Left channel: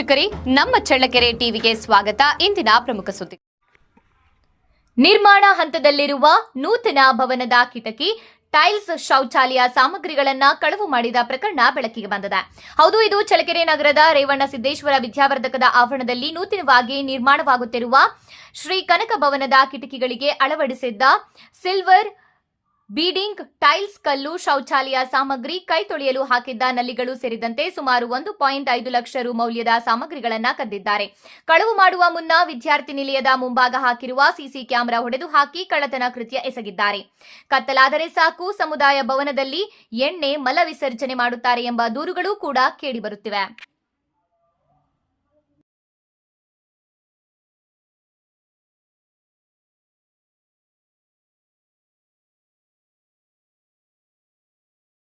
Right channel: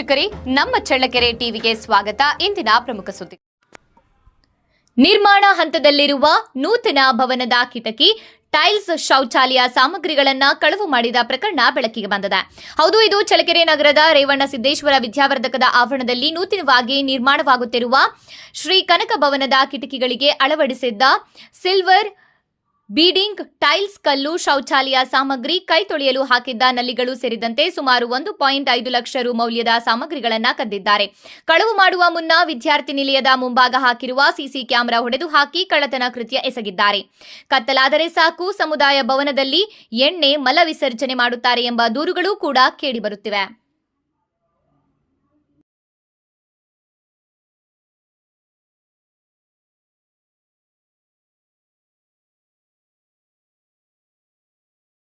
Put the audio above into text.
ವೀಕ್ಷಕರೇ, ನಮ್ಮ ಚಳ್ಳಕೆರೆ ಟಿವಿಗೆ ಸ್ವಾಗತ. ಇಂದಿನ ಪ್ರಮುಖ ಸುದ್ದಿ. ನಿರ್ಮಾಣ ಹಂತದಲ್ಲಿರುವ ನೂತನ ಭವನದ ಕಿಟಕಿ, ಟೈಲ್ಸ್, ಶೌಚಾಲಯ ಸಾಮಗ್ರಿಗಳನ್ನು ಕಳವು ಮಾಡಿದ ಪ್ರಕರಣ ಬೆಳಕಿಗೆ ಬಂದಿದೆ. ಹೌದು, ಇದು ಚಳ್ಳಕೆರೆ ನಗರದ ರೇವಣ್ಣ ಸಿದ್ದೇಶ್ವರ ವಿದ್ಯಾವರ್ಧಕದ ಆವರಣದಲ್ಲಿ ನೂತನವಾಗಿ ನಿರ್ಮಾಣವಾಗುತ್ತಿರುವ ಶ್ರೀ ಕನಕ ಭವನದ ಕಿಟಕಿಗಳಿಗೆ ಅಳವಡಿಸಿದ್ದ ಸಿಲ್ವರ್ ಬೀಡಿಂಗ್, ಟೈಲ್ಸ್, ಕಲ್ಲು, ಶೌಚಾಲಯ ಸಾಮಗ್ರಿ, ಕೈ ತೊಳೆಯಲು ಹಾಕಿದ್ದ ನಲ್ಲಿಗಳು ಸೇರಿದಂತೆ ಸುಮಾರು 1.5 ಲಕ್ಷ ರು ಮೌಲ್ಯದ ಸಾಮಗ್ರಿಗಳನ್ನು ಕದ್ದಿದ್ದಾರೆ. ಕಳವು ಮಾಡುವ ಮುನ್ನ ವಿದ್ಯಾರ್ಥಿ ನಿಲಯದ ಮುಂಭಾಗ ಹಾಕಿರುವ ಸಿಸಿ ಕ್ಯಾಮೆರಾ ಹೊಡೆದು ಹಾಕಿ ಕಳ್ಳತನ ಕೃತ್ಯ ಎಸಗಿದ್ದಾರೆ. ಕತ್ತಲಾದರೆ ಸಾಕು, ಸಮುದಾಯ ಭವನದಲ್ಲಿ ಎಣ್ಣೆ, ಮಲ ವಿಸರ್ಜನೆ ಮಾಡುತ್ತಾರೆ ಎಂಬ ದೂರುಗಳು ಕೂಡ ಕೇಳಿಬರುತ್ತಿವೆ.